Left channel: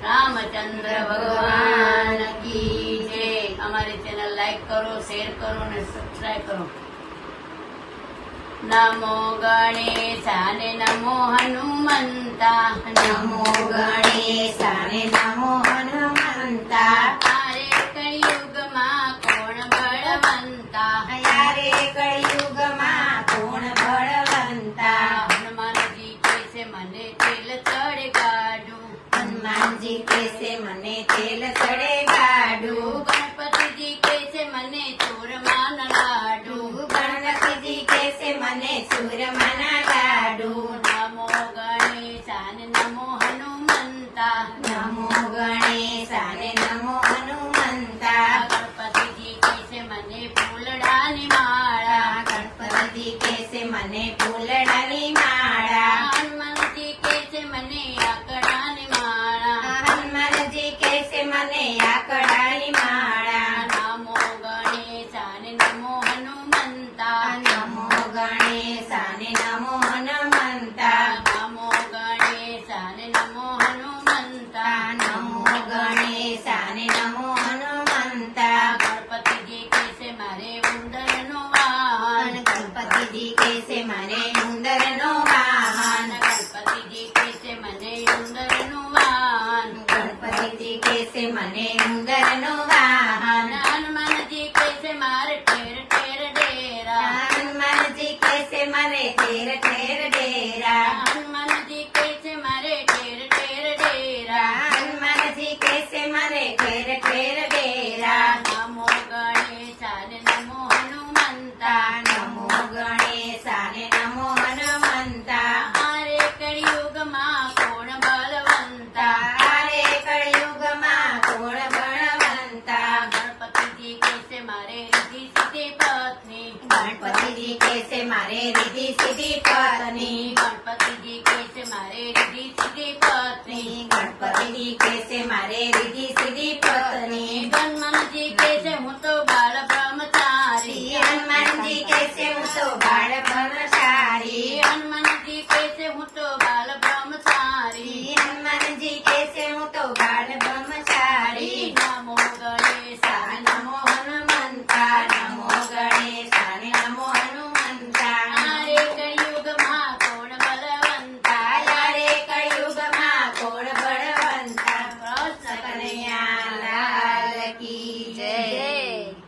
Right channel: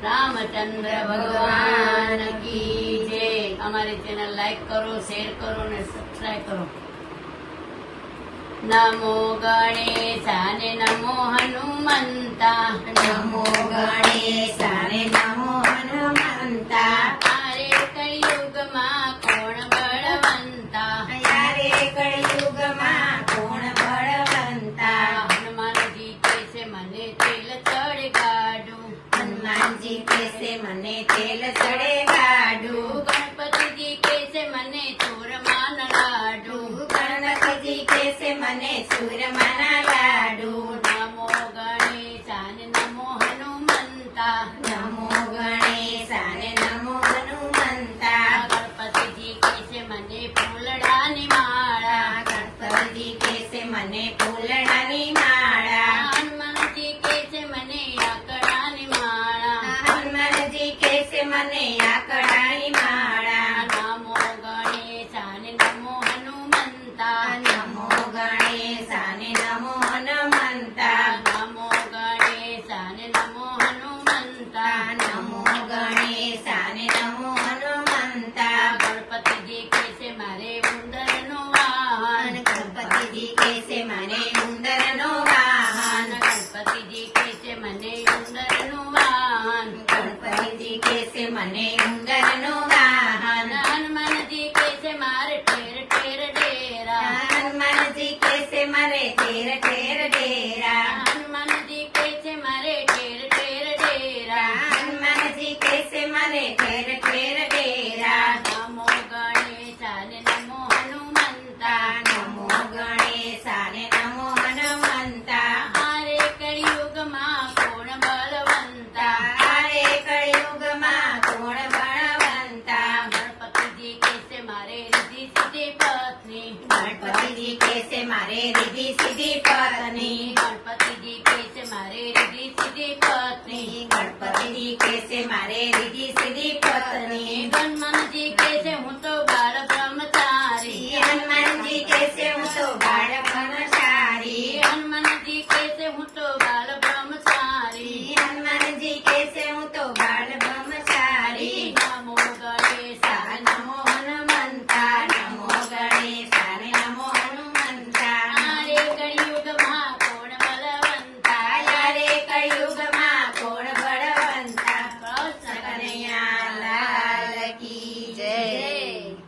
रामचंद्र भगवान की जय। हमारे चैनल लाइक करो, शेयर करो ने सब्सक्राइब करो। नमो गणेशाने नमो हनुमंता, नमो गणेशाने नमो हनुमंता। आरे कलियुगમાં કોણ બળવંતા, यारे कलियुगમાં કોણ બળવંતા। હનુમાનજી કેસે મને તેલ ચડગાડું, હનુમાનજી કેસે મને તેલ ચડે ગાડું। ગણપતિજી કેસે મને ચૂરમાના લાડુ, ગણપતિજી કેસે મને ચૂરમાના લાડુ। નમો ગણેશાને નમો હનુમંતા, નમો ગણેશાને નમો હનુમંતા। ગણપતિજી કેસે મને ફૂલડાની માળા, ગણપતિ કેસે મને ફૂલડાની માળા। હનુમાનજી કેસે મને આકડાની માળા, હનુમાનજી કેસે મને આકડાની માળા। નમો ગણેશાને નમો હનુમંતા, નમો ગણેશાને નમો હનુમંતા। નમો ગણેશાને નમો હનુમંતા, નમો ગણેશાને નમો હનુમંતા। ગણપતિજી કેસે મારે ઉંદરનો વાહન, ગણપતિજી કેસે મને ઉંદરનો વાહન। ગણપતિજી કેસે મને ઉંદરનું વાહન, ગણપતિજી કેસે મને ઉંદરનો વાહન। હનુમાનજી કેસે મારે ઠેર ઠેર ડેરા, હનુમાનજી કેસે મને ઠેર ઠેર